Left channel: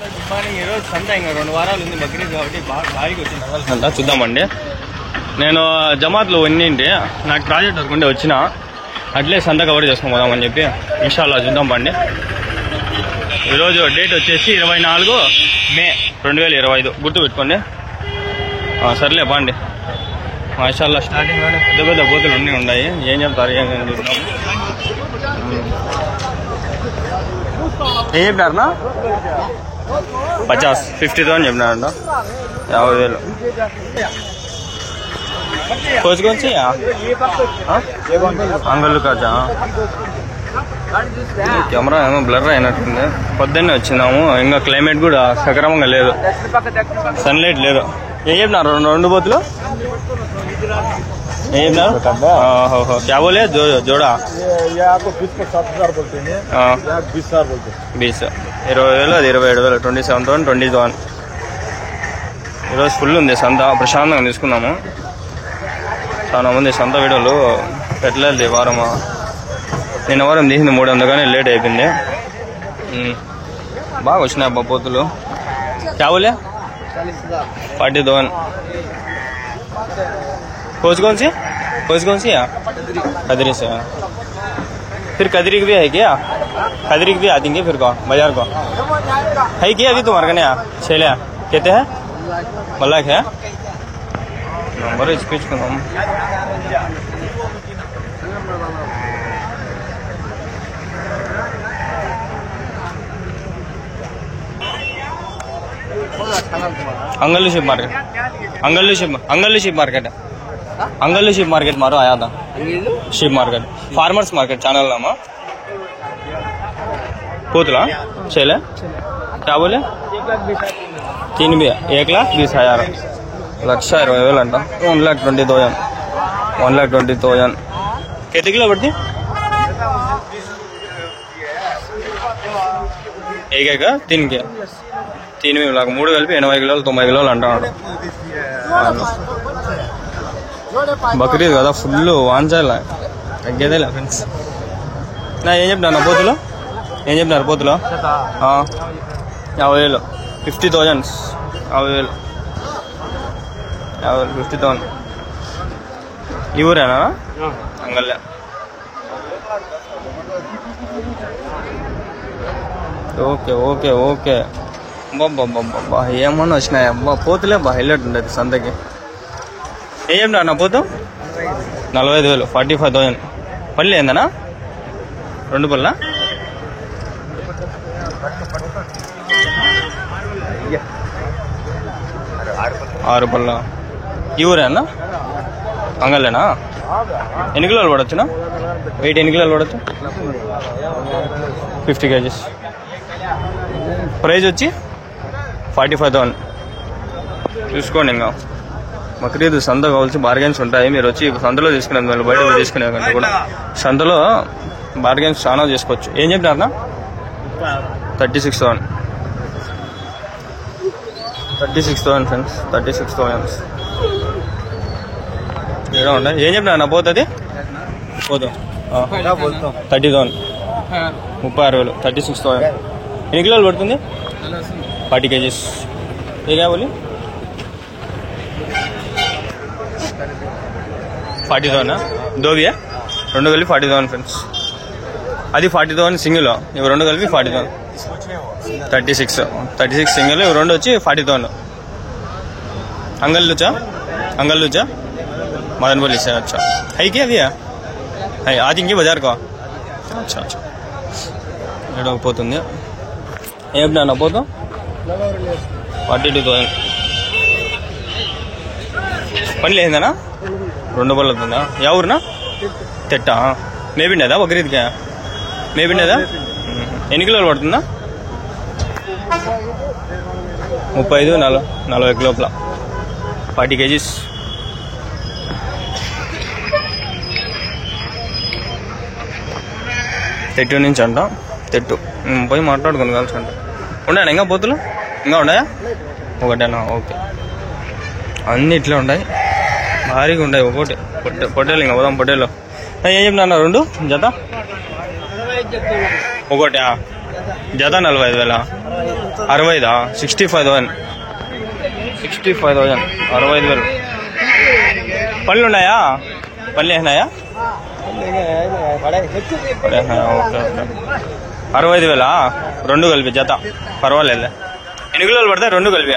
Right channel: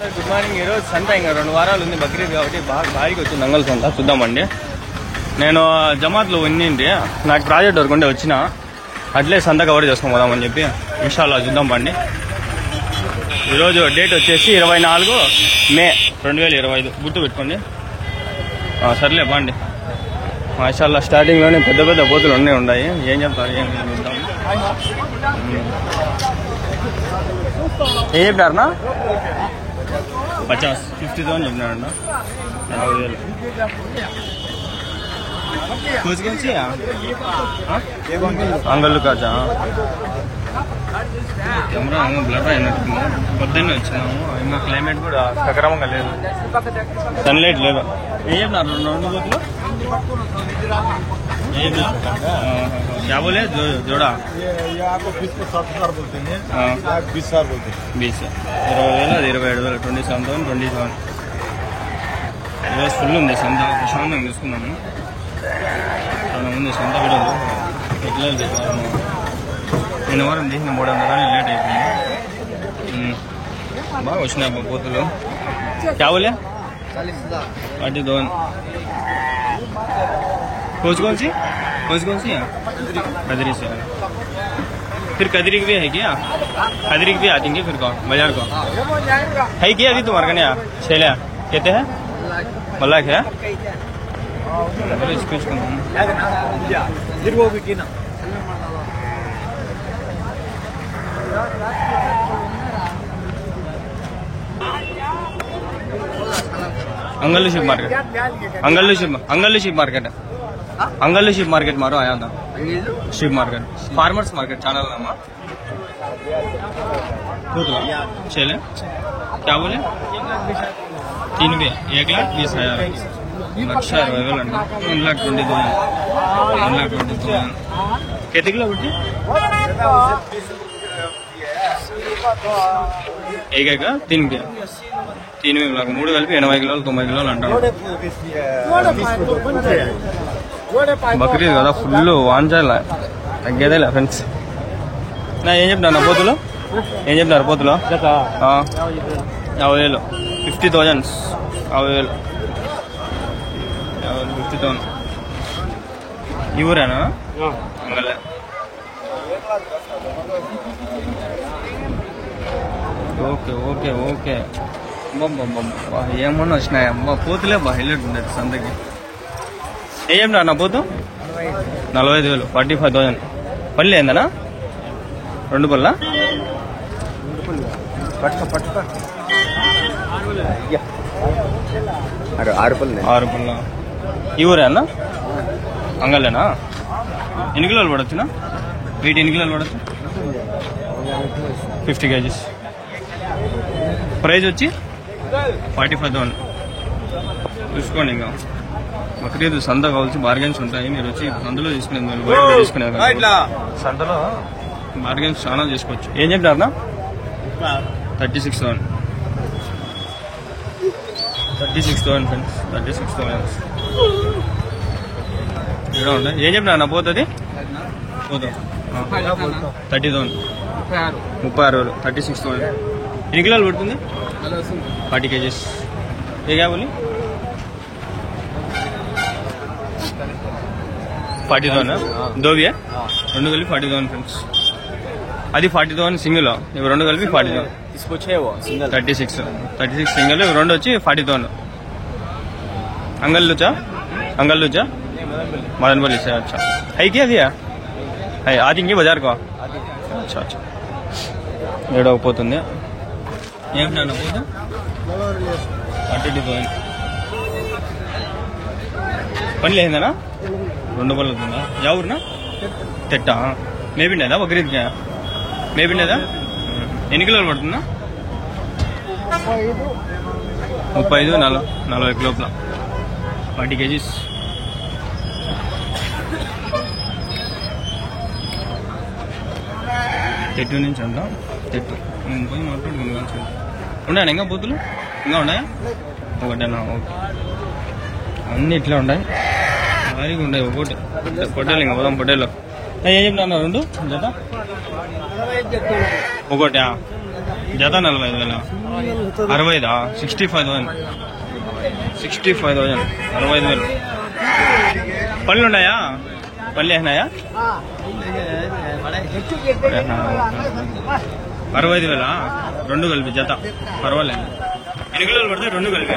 Good morning. ఈరోజు సంత ఇంకా 2 వారాలు ఉంది బక్రీద్ కాబట్టి బాగా భారీగా వచ్చింది అంగల్ సంత. చూద్దామండి. నేను జమాత్లో ఉన్నింటి, నాకు ప్రాజెక్ట్ వర్క్ ఉంటే వచ్చిన అట్లే సంత కవర్ చేసుకొని పోదామని చెప్పి ఇన్షాల్లా చూద్దాం పండి. ఈరోజు డేట్ వచ్చేసి 24 మే 2025 గుర్తు పెట్టుకోండి. సర్లే పండి. మాషాల్లా స్టార్టింగ్లోనే పెద్ద పెద్ద బోతులు అన్నీ ఉన్నాయి. ఏం చెప్తారు ఏం చూద్దాం. ఏం చెప్పినారనా? 50,000 చెప్పినారంట. 50,000 కోసుకొచ్చి అంగళ్ళు కాచా. కెమెరా ఏమో బ్లర్ అయినట్టుంది. పొద్దున్నే వచ్చినాము, ఇంకా క్లైమేట్ కూడా సక్రమంగా లేదు, సన్లైట్ లేదు. ఏం చెప్పినారు 2 బోతులు? क्या बोले जोड़ा? ये आपको 20 को 7,000 बोलते हैं, 20,000 बोलते हैं. 20 20,000 అది 27,000 27,000 20,000. ఈరోజు ఫుల్ ఉంది సంత, ప్రశాంతంగా తీసుకున్నాము. చాలా మంది సంత వీడియోలు పెట్టలేదు ఈ వారమా. నేను వారం తీసింది 300 కానీ లేట్ అయిపోయింది. బాగా వచ్చినాయి అబ్బా పోతులు. क्या बोले? 40,000. कौन सी कदरी से? फिर कदरी की भी है क्या? कदरी की भी आ देंगे फिर को बाजार को है क्या? अभी तुम्हारे कने शेला कहते हैं मल्लाक है नंबर स्पीच को नाम अंगल्लू शिप मार्केट. अंगल्लू शिप मार्केट है. अंगल्लू शिप मार्केट मारो आया था. Ship market farmers market channel नामा पूतला चले. क्या बोले? 3 भी 1,20,000 1,20,000 अंटा. 1,20,000 1,20,000 कितने किलो पड़ती? एक 3 के 3 में 3 కలిపి 80 కిలోలు 90 కిలోలు అంటాడు. బక్రీద్ కదా ఫుల్ వాంచాలి తగ్గేదేలే ఫ్రెండ్స్. నా ఏం చెప్తాను పోతులు? ఏం చెప్తారు పోతులు? 50,000 50,000 50,000 50,000. ఈ ఊరేనా? అంగల్లే. Okay okay okay. బాబా ఏమన్నా వచ్చినాయి అబ్బా పోతులే. బా హైలైట్ ఉండేది సంతకి. ఏం చెప్తా నా పోతు? 45,000 45,000. పళ్ళు ఏందనా? 2 పళ్ళ 6 పళ్ళ. ఈ ఊరేనా? అంగల్లేనా? ఎన్ని కిలోలు పడవచ్చునా? వెయిట్ ఎన్ని కిలోలు పడవచ్చు? 50 kgs. ప్రైజ్ వచ్చి 45,000. చూసుకోండి. ఇంకా బక్రీద్ సంత కావాల్సి బార్గెన్స్ ఉంటాయి. మీరు వచ్చి సంతలో తీసుకునేది మళ్ళీ బయట తీసుకునే కంటే కూడా సంతలో బార్గెన్స్ చాలా చేసుకోవచ్చు. ఏం చెప్పారు? 36,000 36,000 ఫ్రెండ్స్. 36,000 ఏడా ఉంటాయి. ఏం చెప్పినా నా పోతుంది? పోతాం 30,000 36,000 36,000. ఎన్ని కిలోలు పడుతుంది? 40 kgs. ఏ కావాలి? 40,000 దోబియా 2 కలిపి 40,000 ఫ్రెండ్స్. అది 40,000 సింగిల్, ఇవి 2 కలిపి 40,000. 36 సింగిల్, ఇవి 2 వచ్చి 40,000. अंगल्लूचा मदन बोली से. अच्छा है क्या दिया है आज इंगे बाजार को? अच्छा अच्छा ఏడవపోతుంది. ఏం నా పోతా? 42,000. పని లేదనా? 2 పళ్ళు అవుతుందా? యా ఊరునా? తెట్టా మేబిండేదా బక్రీద్కి? మేబిండేదా? ఎన్ని కిలోలు పడుతుందా? 35 40 లోపల 40 kgs. తెట్టు నుంచి అంట. తెట్టు పోయి మాట్లాడుకుని కలిసి అంట. ఉన్నాయా ఇంకా పోతులు? ఇంకా ఉన్నాయా? ఒకటేనా? ఓకే. అన్నీ ఇట్లా ఉన్నాయి, భారీగా ఉన్నాయి. ఒకటి పొట్టేలు ఇంకా పోదాం. పొట్టేలు ఏం చెప్పినా 2 జత? ఒకటి జత 45,000. 65 65,000 65,000 65,000 పళ్ళు ఉన్నాయా? పళ్ళు వేసినాయా? ఓకే ఓకే 65,000 రెండు కలిపి జత పర్వాలేదు. ఎన్ని కిలోలు పడతాయి రెండు కలిపి?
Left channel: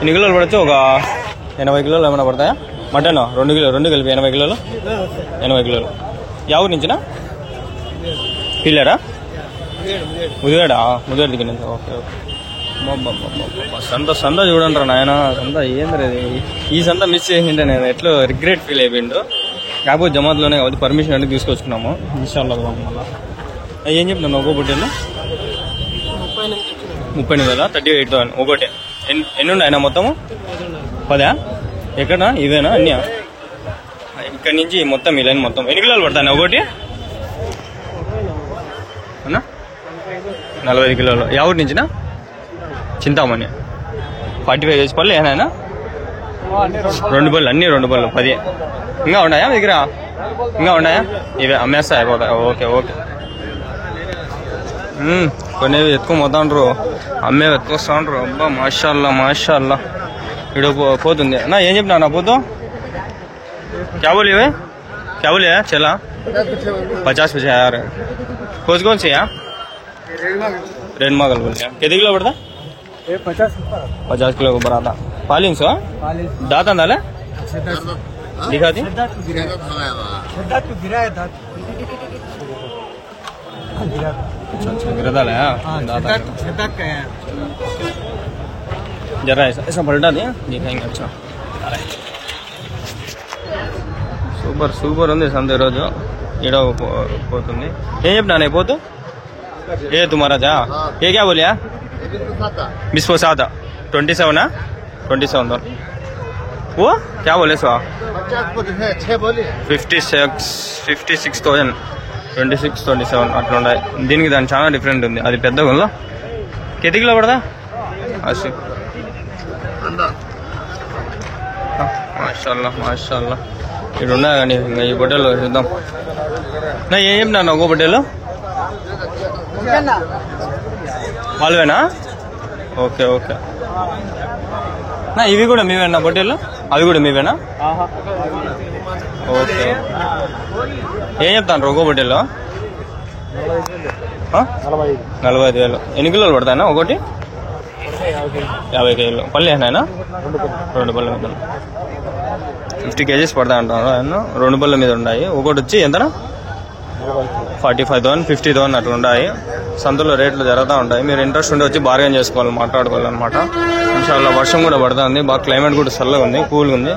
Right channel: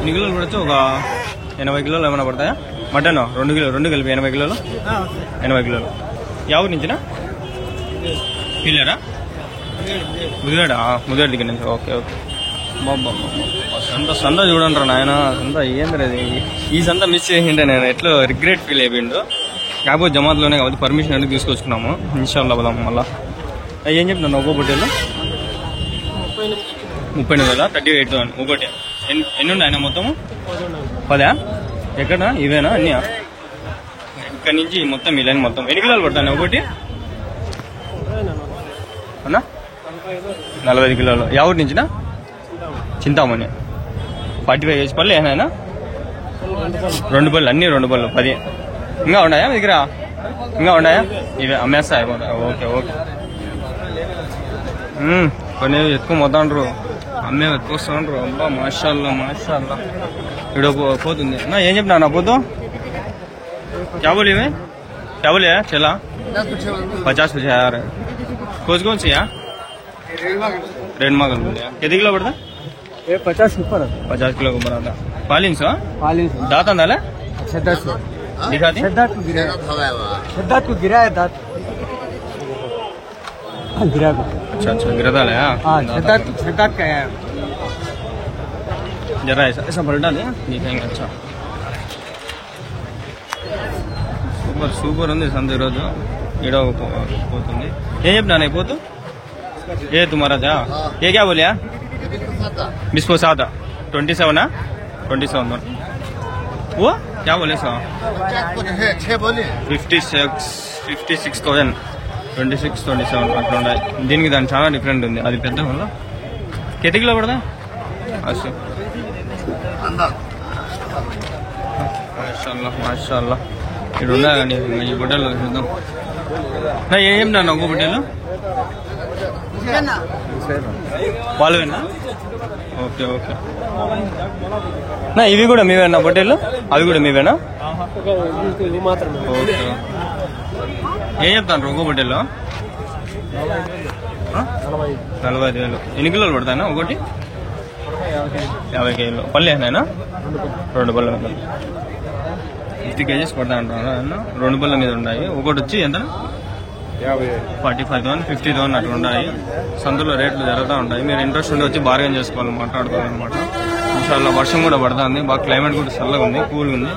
ఎన్ని కిలోలు పడితే ఒక 80 కిలోలు ఏమైనా పడతాయా? మటన్ 2 కిలో రెండు కలిపి 80 కిలోలు 80 కిలోలు. ఎవరి నుంచినా? పిల్లరా? ముదివేడా? ముదివేడ దగ్గర నుంచి. Okay okay. సంత చూడండి రా నాయన. సంత ఏంద్రది, ఈ సంత మిస్ చేసింటే నేను ఎట్లా రిగ్రెట్ ఫీల్ అయిపోయిండు. కాకపోతే జమాత్లోనే కాబట్టి పర్మిషన్ అంటే తీసుకొచ్చుకున్నాము. ఇన్షాల్లా పోదాం మళ్ళా. ఏం చెప్తున్నాను ఒక్కో పొట్టేళ్ళు? 38,000 38,000 ఒకటి. ఎన్ని ఉన్నాయన్నా మొత్తము? 10? ఎక్కడ ఇవేనా అన్నీ? ఇక్కడ నుంచి మొత్తం ఈ లైన్ మొత్తం ఎన్ని కిలోలు పడతాయి ఒకటి అన్నా? 40 కిలోలు. ఎవరి నుంచినా? చింతామణి 45 కేజీ పళ్ళు ఏనాయనా? 2 పళ్ళు అన్ని 2 పళ్ళు 10. ఇంకా ఉన్నాయా మీ దగ్గర? ఇంకా ఉన్నాయా? ఇవే అమ్మేస్తా అయిపోతాయి. Okay okay. కొన్ని ఎత్తుకోపోతాండ్రు, అమ్మే ఎత్తుకొస్తాండ్రు. అబ్బా మాషాల్లా మాషాల్లా. ఇక్కడ పోతుంది నా. ఏం చెప్పినా నా పోతు? క్యాబోలు ఇవే క్యాబోలు చలా 50,000 कौन कौन सी यहाँ? रेडमा गल बोले कितने किलो पड़ता? 50 किलो को बड़ा था. पालिन सो दांत अंदाले दिखाती अच्छा अच्छा गिरा था दांत जरा ऐसा ऐसा पलटा दिया दिखाएंगे. अच्छा సూపర్ సూపర్ ఉంది సంత ఈరోజు. ఈడ పోతుంది. ఏం చెప్పినా పోతు? ఏ తుమారాజా ఏ క్యా బోలియా? बिस्पो 7 27 27 वो क्या बोले सो? 56,000 26 27 అట్లా ఉన్నాయి. దీనికి దాని చాలా డిఫరెంట్ ఉంది. అది పెద్ద గుంలో కెతికిలో పడదా? మాషాల్లా మాషాల్లా. ఇక్కడ ఉన్నాయి కానీ ఇంకా ఈ బొట్టెలు చూద్దాం. నా ఏం చెప్పినా ఒక్కో బొట్టెలు వాళ్ళవేనా? Okay okay. నా ఇవి కూడా మీవేనా బొట్టెలు? అవి కూడా మీవేనా? ఓకే. ఏం చెప్తాను ఒక్కో బొట్టెలు? 45,000. ఎన్ని కిలోలు పడతాయన్నా ఒకటి? 50 కేజీలు. పళ్ళు వేసినాయనా? 2 పళ్ళు ఉంటాయి. 50 కేజీస్ పడతా అంటారు ఆయన. 2 పళ్ళ మీద ఉన్నాయి. ఒకటి వచ్చి ఎంతనా? 45,000 50,000 అట్లా ఉన్నాయి. సంతలో రేట్లు జరుగుతూ ఉంటాయి. మీరు ఇంట్రెస్ట్ ఉండి వచ్చి బార్గెన్ చేసుకోవాలి, మాట్లాడుకోవాలన్నమాట. ఇన్షాల్లా వర్షం కూడా పడుతుంది. బాగా క్లైమేట్ కూడా చల్లగా ఉంది, కూల్గా ఉంది.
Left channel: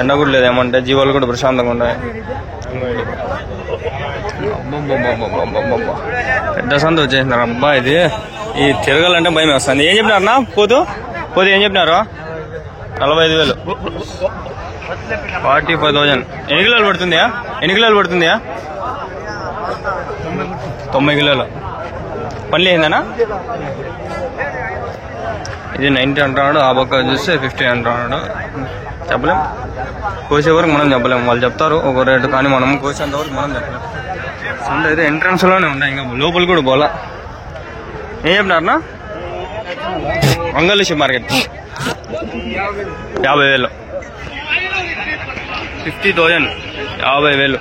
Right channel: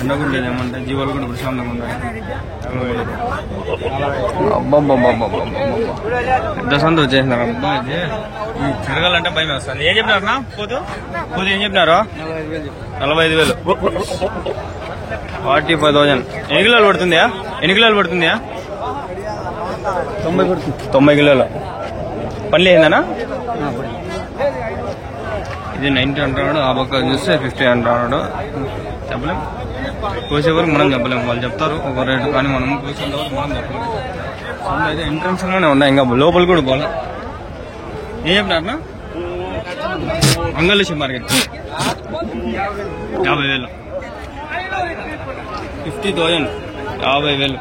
ఎండ కూడా లేదేమంటే జీవాలు కూడా ప్రశాంతంగా ఉన్నాయి. అబ్బాబ్బాబ్బాబ్బాబ్బా పెద్ద సంత వచ్చేసినారు. అబ్బా ఇది ఈ తిరగాలంటే భయం వస్తుంది. ఏం చెప్పినారన్నా పోతూ పోతూ ఏం చెప్పినారు? 45,000 45,000. ఎన్ని కిలోలు పడుతుందా? ఎన్ని కిలోలు పడుతుందా? 90 కిలోలు. పళ్ళు ఏందనా? ఇది 90 అంటున్నాడు. ఆ పక్క చూస్తే 50 అంటున్నాడు. చెప్పలేం. కోసే వరకు మనం చెప్పలేము. వాళ్ళు చెప్తారు ఒక రేటు, కానీ మనం కోసేంత వరకు మనం చెప్పలేము. సంత అయితే ఎంట్రన్స్ లోనే ఉన్నాయి, ఇంకా లోపల కూడా పోలా. ఏం చెప్పినారన్నా? అంగళూషి మార్కెట్ 50,000 50,000 50,000.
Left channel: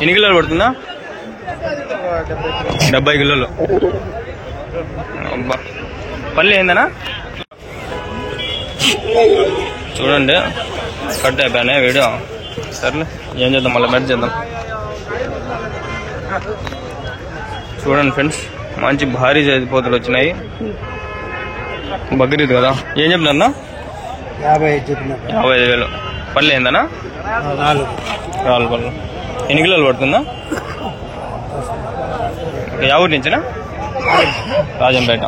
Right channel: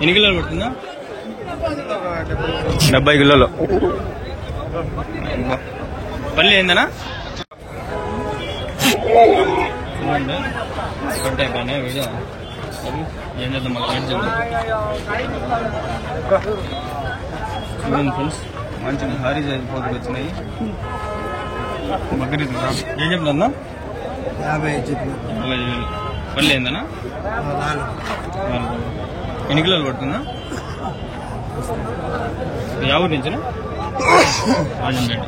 ఎన్ని కిలోలు పడుతుందా? 70 కిలోలు. అబ్బా పళ్ళు ఏందనా? చూడండి కట్ అయిపోయినాయి వీడియో. సర్లే ఏం చేద్దాం, మళ్ళీ మెట్ చేద్దాం. చూడండి ఫ్రెండ్స్, మంచి భారీ సైజు పోతులు వచ్చినాయి. బక్రీద్ కదా. ఏం చెప్పినా? 55,000. పళ్ళు ఏందనా? 4 పళ్ళు. ఎన్ని కిలోలు పడుతుందా? ఎవరి నుంచినా? రాజంపేట.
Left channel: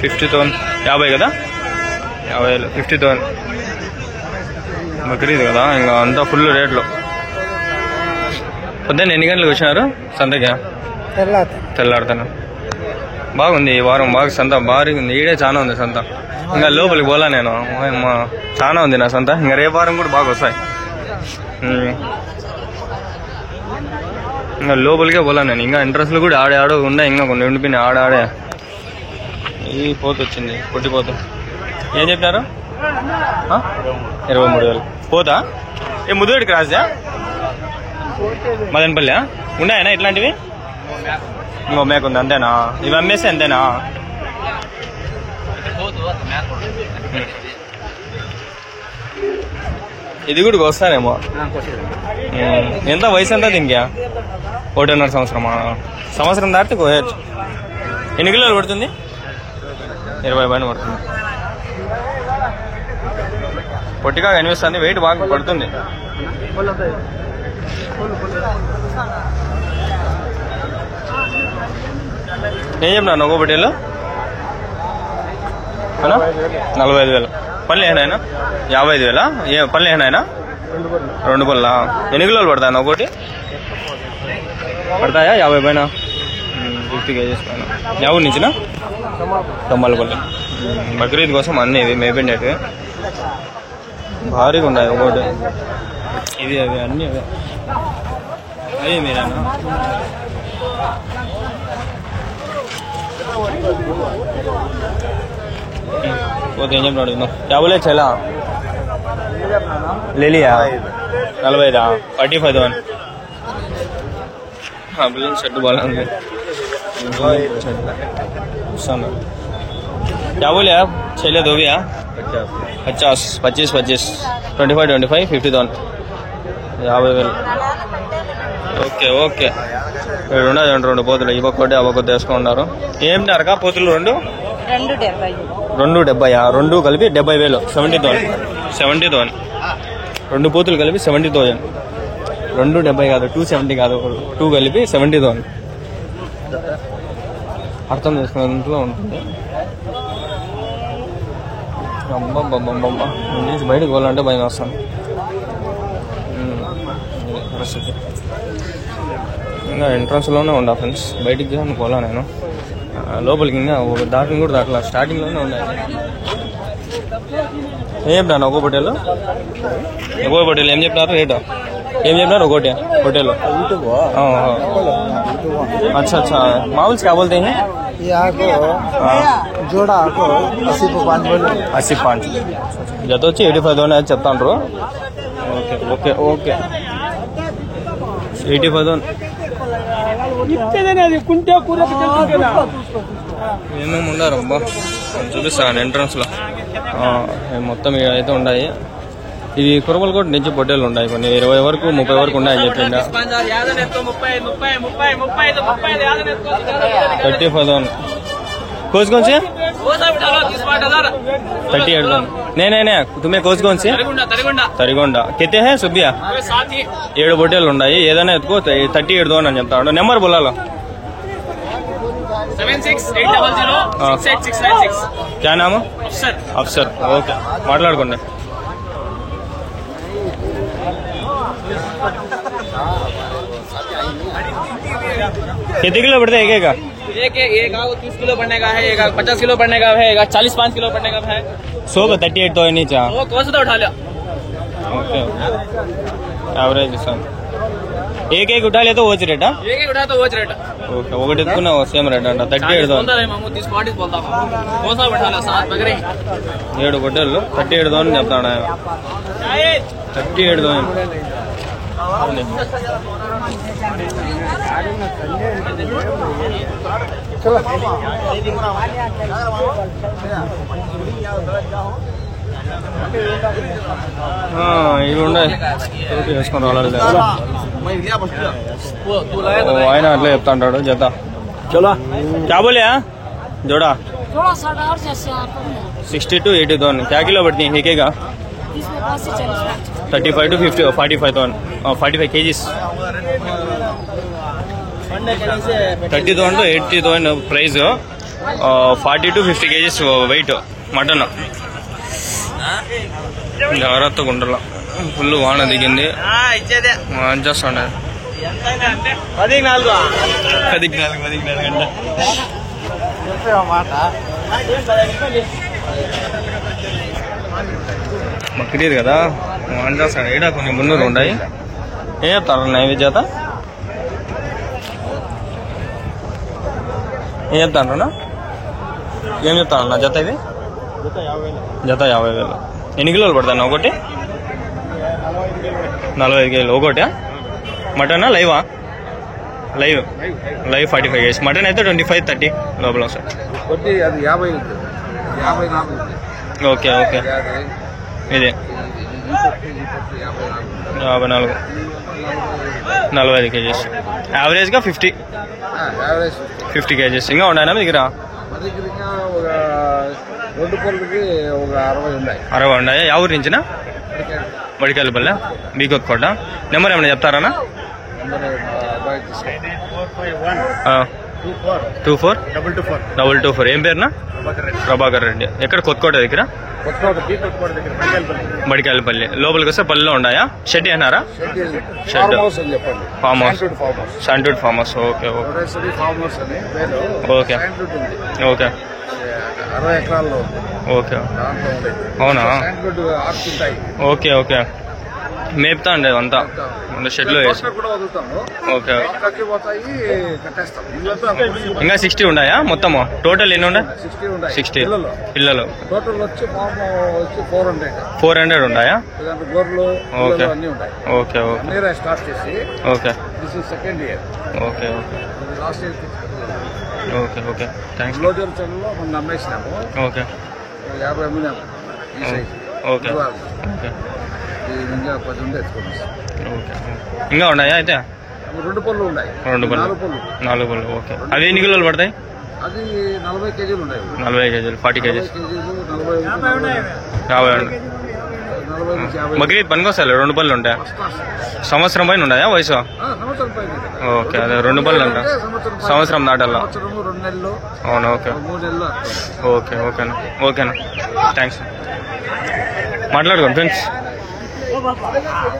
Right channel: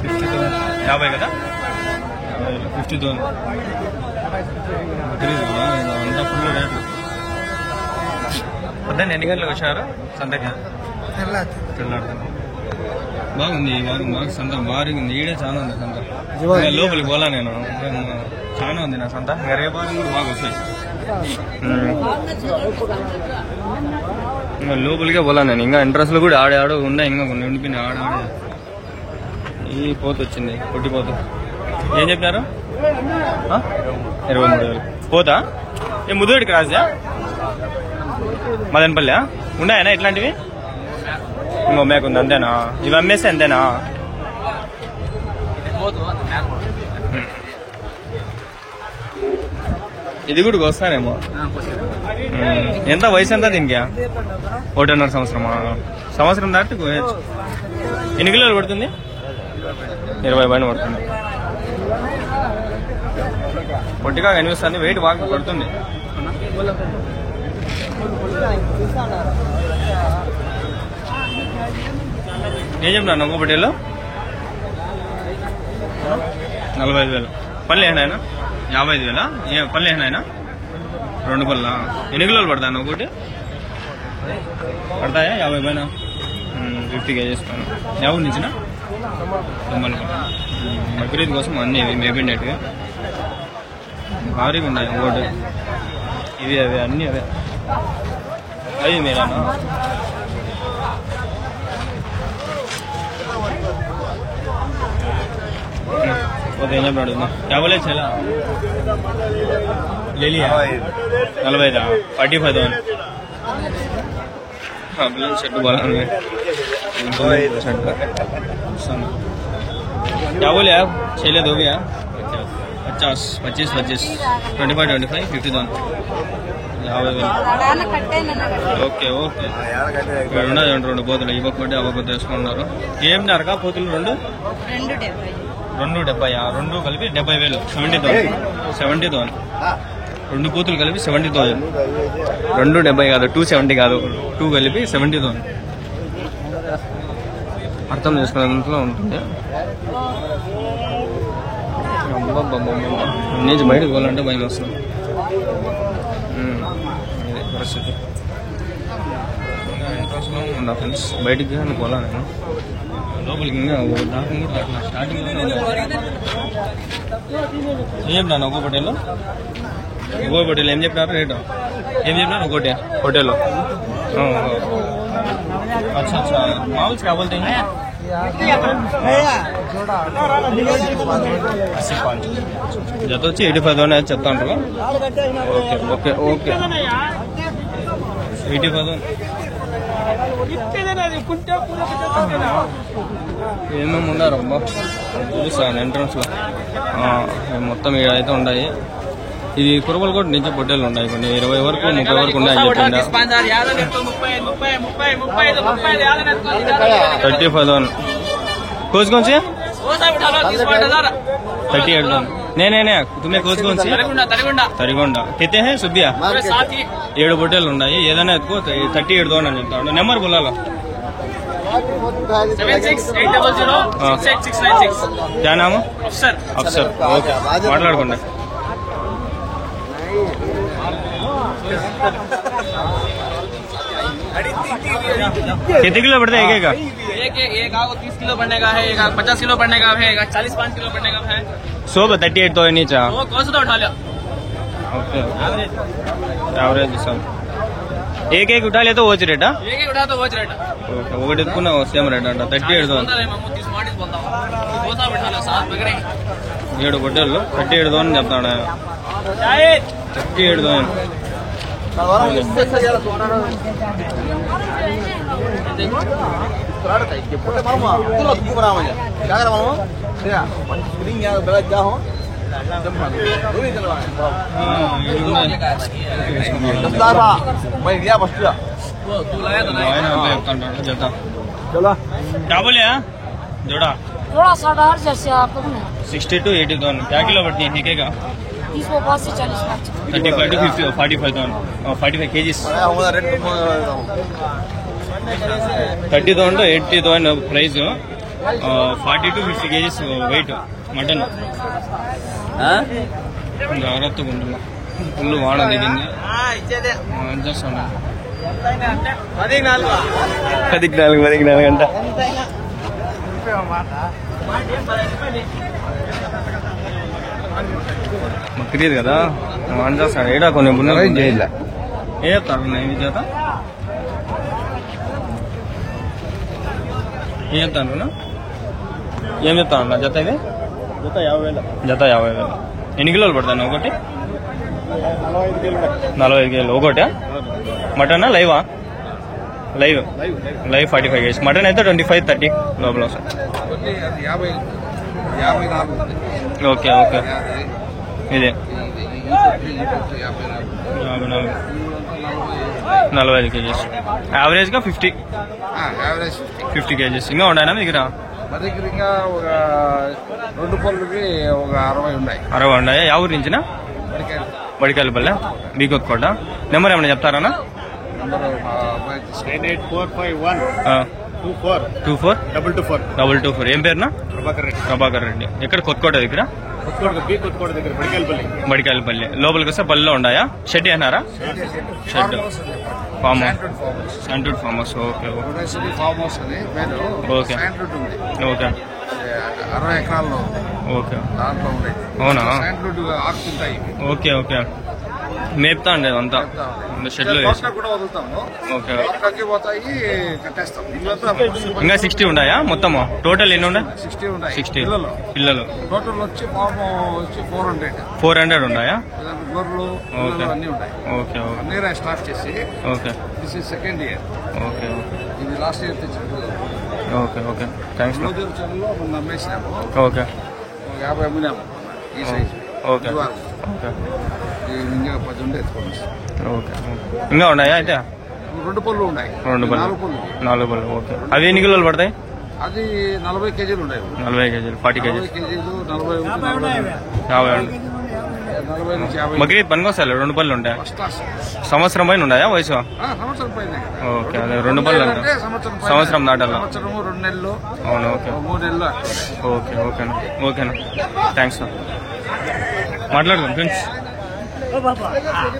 50,000 50 కదా? 50,000 50,000. బక్రీద్ కదా, ఇంకా అంతా ఫుల్ రేట్లు. పొద్దున్న ఎన్ని గంటలకు వచ్చినారు సంతకి? తెల్లాడుతాను. బాగుంది ఈ వారం, బాగా సంత భారీగా ఉంది. ఈడే చాలా ఉంది సంత. ఇంకా లోపలికి పోలా నేను. చాలా ఉంది నా సంత. ఇంకా రేపు వారం కూడా బాగా వస్తాయి. ఇంకా లోపలికే పోలా నేను. ఇంకా ఇంట్రెస్ట్లు కూడా ఆడే ఉన్నాయి, ఇంకా కొన్ని ఉండిపోయినాయి ఆడే. ఈ పోత వచ్చింది, పొట్టిపోత. ఏం చెప్పినారు? 23,000 పోతా. ఏ ముదుగడికి రాజా మదనపల్లి ఉన్నాయనా ఇట్లాంటివి? ఇంకో మేక ఉంది అంతేనా? ఇవి అమ్మేసి అంతేనా? ఇది కూడా వస్తానేమో. ఎంత వయసు ఎంత దీనికి? 1.5 సంవత్సరమా? సంవత్సరం దాటితే కోయచ్చు. ఎన్ని కిలోలు పడుతుంది? 20 పైన పడుతుంది. పొట్టిగా కనిపిస్తుంది, వెయిట్ బాగా పడుతుంది. ఏం చెప్పినాను ఒక పొట్టేలు? 45,000. పళ్ళు ఏనాయనా? 55,000. ఏ పళ్ళు ఏనాయనా? 2 పళ్ళ. ఎన్ని కిలోలు పడతాయన్న ఒకటి? పడతాయా 50 పైన? 50 కేజీస్ పైన. ఎవరి నుంచిన? కమ్మలపల్లి. బక్రీద్ కోసం అన్నీ ఇవి మేపిండేటివి భారీగా ఉన్నాయి. ఒకటి ఇవి అవి అన్నీ అవే. అవి మీరేనా? పోతే ఏం చెప్పినాడు? క్యాబులే చలా లేలియా 45 45,000. పిల్లలు షర్ట్ బాగుంది. क्या बोले आप? छेले दो भैया 50 25 25 25 25 50,000 50,000. Okay okay. ఇక్కడ ఉన్నది 2 పోతులు. ఇవ్వకొట్టి అవ్వకొద్ది వేసుకున్నారు. ఏం నరకా పోతులు? 2 70. 2 కలిపి 70,000. 70,000. 2 పోతులు కలిపి 70,000. 2 70 కాదు, 270 కాదు, 2 కలిపి 70,000. అర్థం చేసుకునేంతలో ఉంటుంది. అబ్బబ్బబ్బబ్బా, నేను నుంచి బయటకు పోవాలంటే భయం వస్తాను. ఇది పరిస్థితి. ఇంకా ఎంట్రన్స్లోనే ఉండా ఫ్రెండ్స్. బయటికి కానీ పోలా నేను. లోపలికి ఇంకా దాకా కూడా దాకా స్టార్టింగ్లోనే ఉన్నాయి. ఏం చెప్పినాను ఒక పొట్టేలు? ఏం చెప్పినారు రేటు? ఏం చెప్పినారు ఒకటి పొట్టేలు? अच्छा अच्छा। माउल क्या बोलते हैं? 85 జత వచ్చి 85,000 చెప్తాండ్రు. Okay okay okay 85,000. ఏమేమి ఉండారు అబ్బా చూపిస్తాను ఎంట్రన్స్ లో. మొత్తం అయితే ఉన్నాయి. ఇది కురబలు కూడా నుంచి పొట్టేలు ఉన్నాయి. కొన్ని 20 వరకు 30 వరకు ఉన్నాయని చెప్పిందా. 35,000. कोच कौन सी? 38,000. नहीं तुम्हें कोच कौन सी? తరిగొండ. कितने हैं सुबिया? 7 పొట్టేలు ఉన్నాయి. ఏదైనా ఎత్తుకో 38,000 అని చెప్తాడు. నెంబర్ బోలాలో 7680069696. क्या नाम? अफसर. ఓకే మాట్లాడుకోండి. कितने किलो पड़ता है? एक आगो 30 किलो पड़ने का है, एक 50 किलो पड़ने का है, एक 45 किलो पड़ने का है. 38 नीचा. वो कौन सा उठा लिया? ओके एवरेज सब एक उठा लिया तो वो रेट? एक उठा तो वो रेट. ఓకే ఒకటి ఎత్తుకున్నా సేమ్ రేట్ అంట. 38,000. 7 పొట్టేళ్ళు 38,000 చెప్తాడు ఆయన. 38,000. ఇవి ఉన్నాయి వేసుకుని వాళ్ళ ఆయన అట్లా చెప్తా ఉంటాడు జత. కాబోలే जोड़ा 60 to 80,000. क्या किलो बढ़ती है? ठीक है 35 to 50 45,000 45 kgs. 30,000 to 80,000 price. 40 to 50 kgs weight mutton. జాగ్రత్తగా ఉండాల. ఫుల్ వాన దిగింది. చేస్తాడు 14 గంట. బక్రీద్ కదా ఆన్ చేస్తాడు. ఈడ కొంచెం మున్నూరు ఉన్నాయి. ఏ చెప్తారు నైవేద్య చేత? ఏం చెప్తాను ఏం చెప్తాను జత ఇది జత 50,000. ఎన్ని కిలోలు పడతాను ఒకటి? 45 కిలోలు ఒకటి. మటనా లైవా? Live 45 kgs. మటన్ అయితే 25-30 లోపల సార్. Okay okay. ఇదే 54 45 kgs. యావరేజ్గా 50 kgs. ఇంకా ఉన్నాయా మీ దగ్గర? 60 ఉన్నాయా? యా ఊరి నుంచినా? బడికాయలపల్లె బీకొత్కోట. నెంబర్ ఏమైనా చెప్తారా? 24 ఏం పేరునా? ప్రభాకర్ రెడ్డి. ఎక్కడ? కొత్తకోట దగ్గర బడికాయలపల్లి. లోపలికి వస్తే పల్లెలో ఉన్నాయా? షెడ్ అన్నారా? షెడ్ ఫామ్ హౌస్ శాంటూడ్ farm house. Okay okay okay 60 ఎకరాల్లో. ఓకే అవునా? Okay okay. మేపుతా అండి అంతా షెడ్ లో వేసి. ఓకే. ఇంకా 60 ఉన్నాయా మొత్తము? టోటల్ ఎన్ని ఉన్నాయి? 60 పిల్లలు. టోటల్ వచ్చి 400 ఉన్నాయా? గొర్రెలు ఓకే ఓకే ఓకే స్టార్ట్ చేసి okay second year. Okay okay ఇది లాస్ట్ ఇయర్ తెచ్చిన. Okay okay thanks. రోజుల చెల్లో మొన్న అమ్మేసినాము. ఓకే 50 అమ్మినాము. Okay okay. ఇంకా 10 ఉంటే ఎత్తుకోండి. ఓకే. ఇంకా ఉన్నాయా అయితే? 2 పళ్ళు ఉన్నాయి. 4 పళ్ళు. ఓకే. అవి ఎన్ని కిలోలు పడతాయి? అది 40 కేజీలు ఉన్నాయి. 40 కేజీలు 40 కేజీలు 50. బక్రీద్ పనికొస్తాయి 2 పళ్ళు ఉంటాయి. సంవత్సరం పైన ఉన్నాయా వయసు? ఓకే అదే 2 పళ్ళు అంట. సంవత్సరం దాటాల. 2 నెలలు. అవును. ఓకే 3 నెలలు. ఓకే ఓకేనా ఓకేనా థ్యాంక్స్. మాట్లాడుకోండి ఫ్రెండ్స్.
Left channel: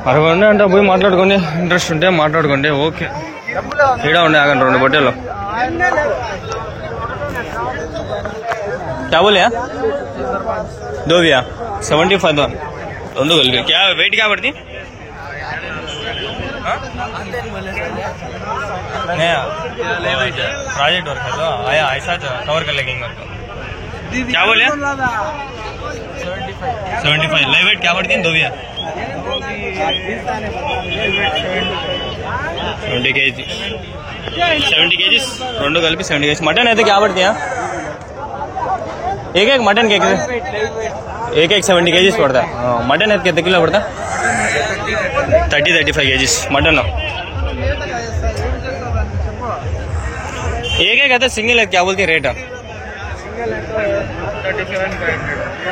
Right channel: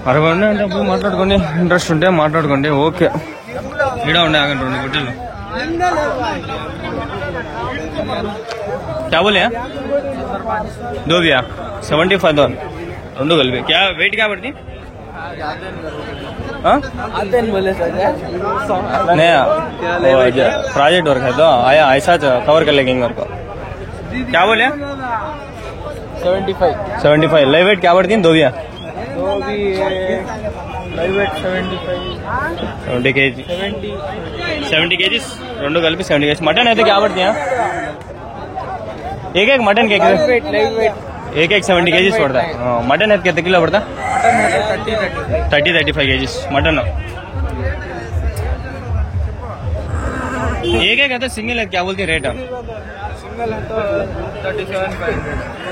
60 ఉన్నాయి అంటే పోయి మాట్లాడుకోండి. ఇంట్రెస్ట్ ఉంటే మాట్లాడుకోండి. ఓకే. ఈడ ఉన్నాయి ఆగండి 2 పొట్టేలు. क्या बोले? 2 भैया 75 2 गल क्या वेट क्या पड़ती? नहीं प्रोजेक्ट वर्क है तो आया ऐसा कवर कर लेंगे वर्क. क्या बोले? 75 लाइव वेट क्या पड़ती है? 2 भैया 70 kg 70 kgs 2 కలిపి 70 kgs. మటన్ అయితే क्या पड़ती है? एक मटन के एक 70 kgs पड़ता. मटन है कितने किलो पड़ता? 30-35 kgs मटन. एक कहते सिंगल है क्या बोलती है रेट?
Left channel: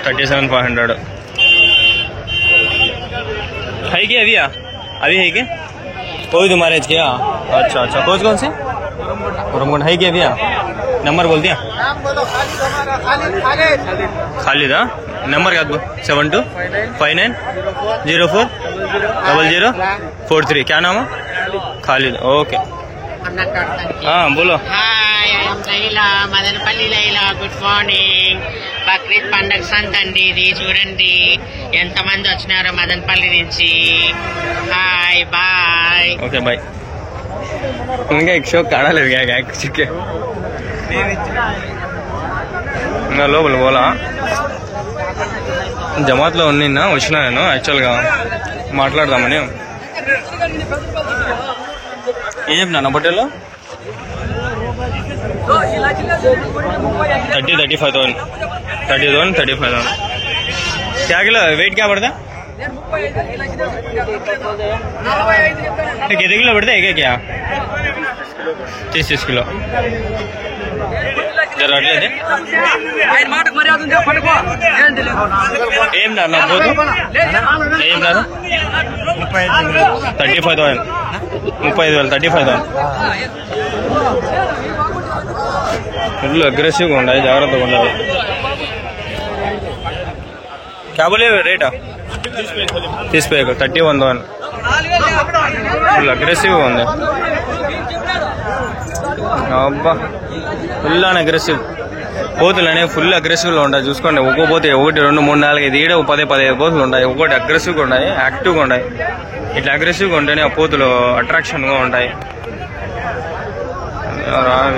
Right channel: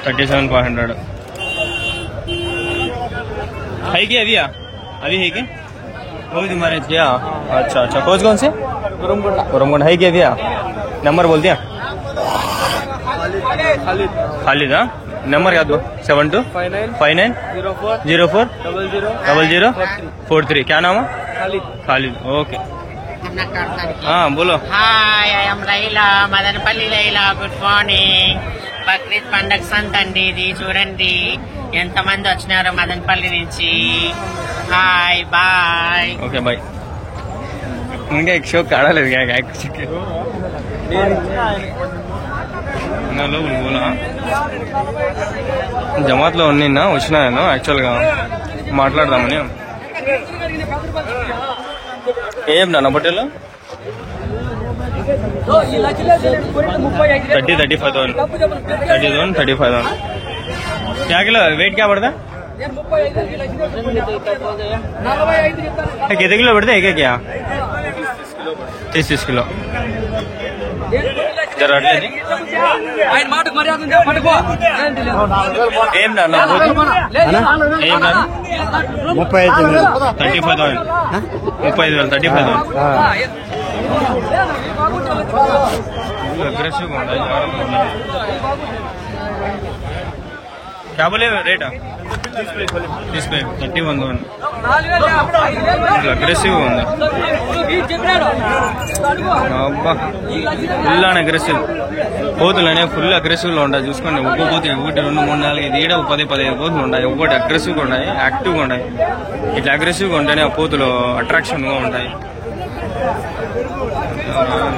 37,500 है क्या? अभी है क्या? कोई तुम्हारे क्या? अच्छा कोच कौन से? उरमगोंड है क्या भैया? नंबर बोल दिया खालिद. नंबर क्या? 7259040043. क्या नाम है? खालिद. ओके हाँ बोलो. Hi I'm Laila, Madanapalle Laila. Good morning. Bakrid పండగ సంత అండి ఇది. చూడండి ఎంతమంది వచ్చినారో మదనపల్లి నుంచి. Hi bye. Okay bye. ఇంకా एक షో కాడలేదు చిక్కే ఇంకా లోపల పోలా. జమాత్లో నిన్న వచ్చినా నేను యాక్చువల్గా మాట్లాడదామని. ఏం నా బట్టలు 35,000 35,000. क्या किलो वेट क्या पड़ता? कितने किलो पड़ता है क्या? 30 किलो. जरा अट्ले ఏం నా పోతు ఏం దారు 35,000 35,000 ఫుల్ అగ్రెసివ్గా ఉండాలి. జాగ్రత్తగా ఉండాలి. क्या बोले रेट? 31,000 ఫుల్ అగ్రెసివ్గా ఉంది. అబ్బా ఫుల్ అని అగ్రెసివ్ పోతులు అనేవి ఫుల్ అగ్రెసివ్గా ఉంటాయి. చూసుకోండి ఒక్కో పోతే 1 2 3 4 5 ఈడ 10-15 పోతులు ఉంటాయి. ఒక్కొక్కటి అగ్రెసివ్గా ఉన్నాయి, యాక్టివ్గా ఉన్నాయి. ఇట్లా అగ్రెసివ్గా ఉంటేనే ఆ పోతులు అట్రాక్షన్గా ఉంటాయి.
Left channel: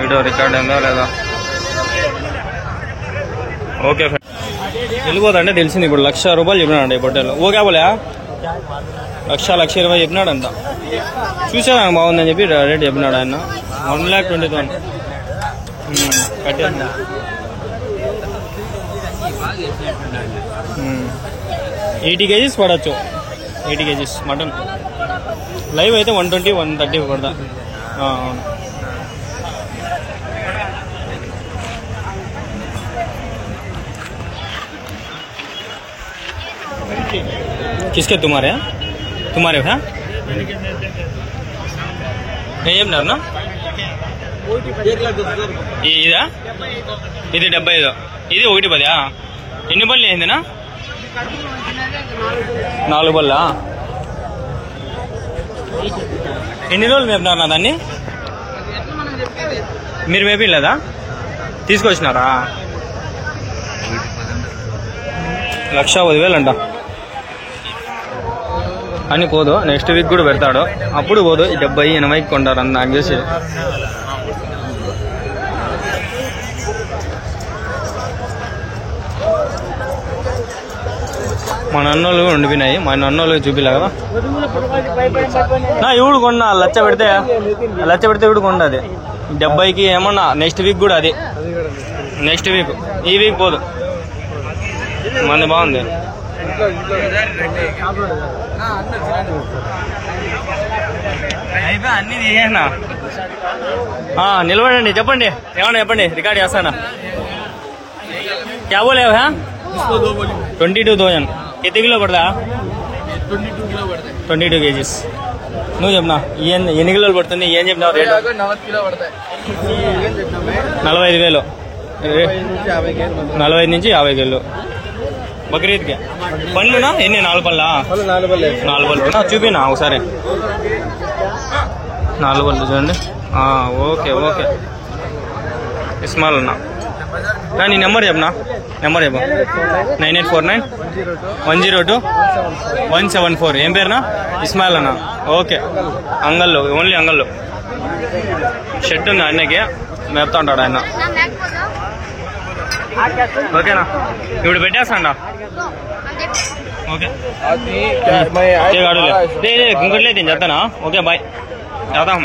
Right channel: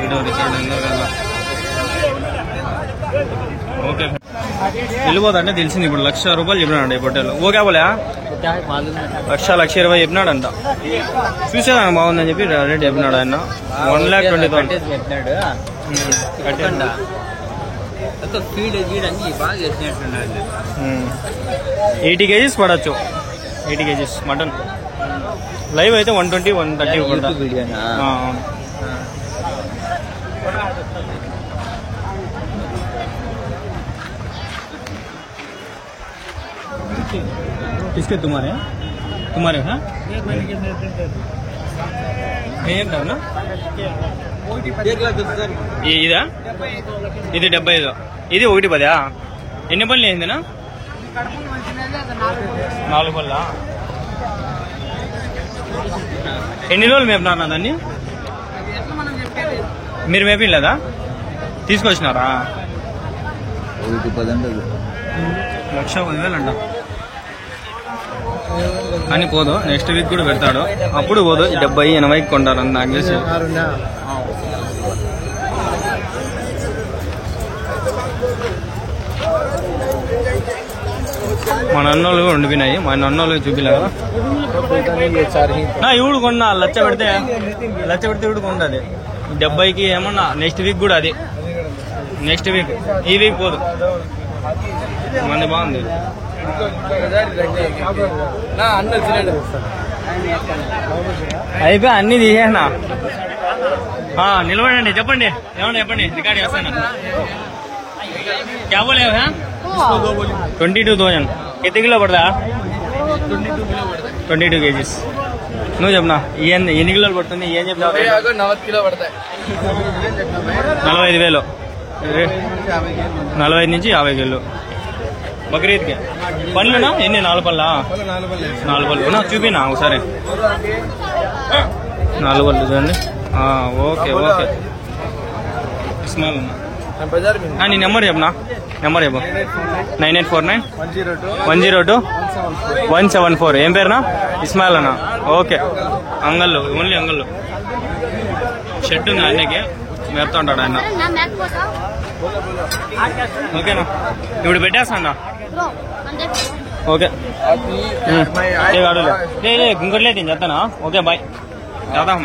వీడియో రికార్డ్ అయిందా లేదా? ఓకే వెళ్ళిపోతాంటే తెలిసింది ఇప్పుడు 1,00,000 రూపాయలు చెప్పినాడంట ఈ పొట్టేలు. ఓకే పోలే 1,20,000 చెప్పినాడంట. చూసేదానికి బాగుందని చెప్పి రేట్ చెప్పినాడు ఆయన. 1,20,000 కట్టేసి 80 kgs పడచ్చు. 80 kgs mutton. లైవ్ అయితే 120, 130 పడతా. అవును. किसके तुम्हारे हैं ఏం నా ఇదా? ఇది 75. ఇది 110. ఎన్ని పళ్ళు అయిందినా? 4 పళ్ళ. ఎన్ని రోజులు మేపినారా దాన్ని? మీరు మేపిలేదా? తీసుకొచ్చినారా? 1,10,000 అంట. అని పోదు, నెక్స్ట్ వీక్ కూడా పెడతాడు. అప్పుడు పోదు 70-80 కొంటారు అని నాకు చేసి. మా నన్నోళ్ళు ఉండిపోయినాయి. మా నన్నోళ్ళు చూపిలే కదా. నా ఇవుడు కొన్నా 1,00,000 పెడితే 1,00,000 పెడితే ఇవుడు కొండది 70కి ఏమన్నా. నెక్స్ట్ వీక్ కూడా అది. నెక్స్ట్ వీక్, ఈ వీక్ పోదు. మంది బాగుంది. అయిపోయి అన్ని తీసేనా? నిలబడండి, చెప్పండి ఏమన్నా చెప్పండి, రికార్డ్ చేస్తానా. क्या बोले हैं? 22,000. कितने किलो पड़ता है? 22 kgs. నువ్వు చెప్పనా ఎన్ని కిలోలు పడుతుంది? ఏం చెప్పినావు? 45,000. 45 నుంచి 50 కిలో బక్రీద్కి. పళ్ళునా ఎన్ని? 4 పళ్ళా? 4 పళ్ళు నా చూపినా ఒకసారి. 4 పళ్ళు చూడండి. Okay okay. ఇస్మాల్ అన్నా నీ నెంబర్ చెప్పనా? నెంబర్ చెప్పు. 9849-102-174. ఏం పేరునా? ఇస్మాయిల్ అన్న. ఓకే. అంగల్లో, ఓన్లీ అంగల్లో షెడ్ ఉంది ఆయనకి, మేపుతా ఉంటాడు ఆయన. ఓకేనా? ఇప్పుడు పెట్టేస్తాడా? ఓకే గుంకట్లే నేను చెప్తానా. Okay bye. వెళ్దాం.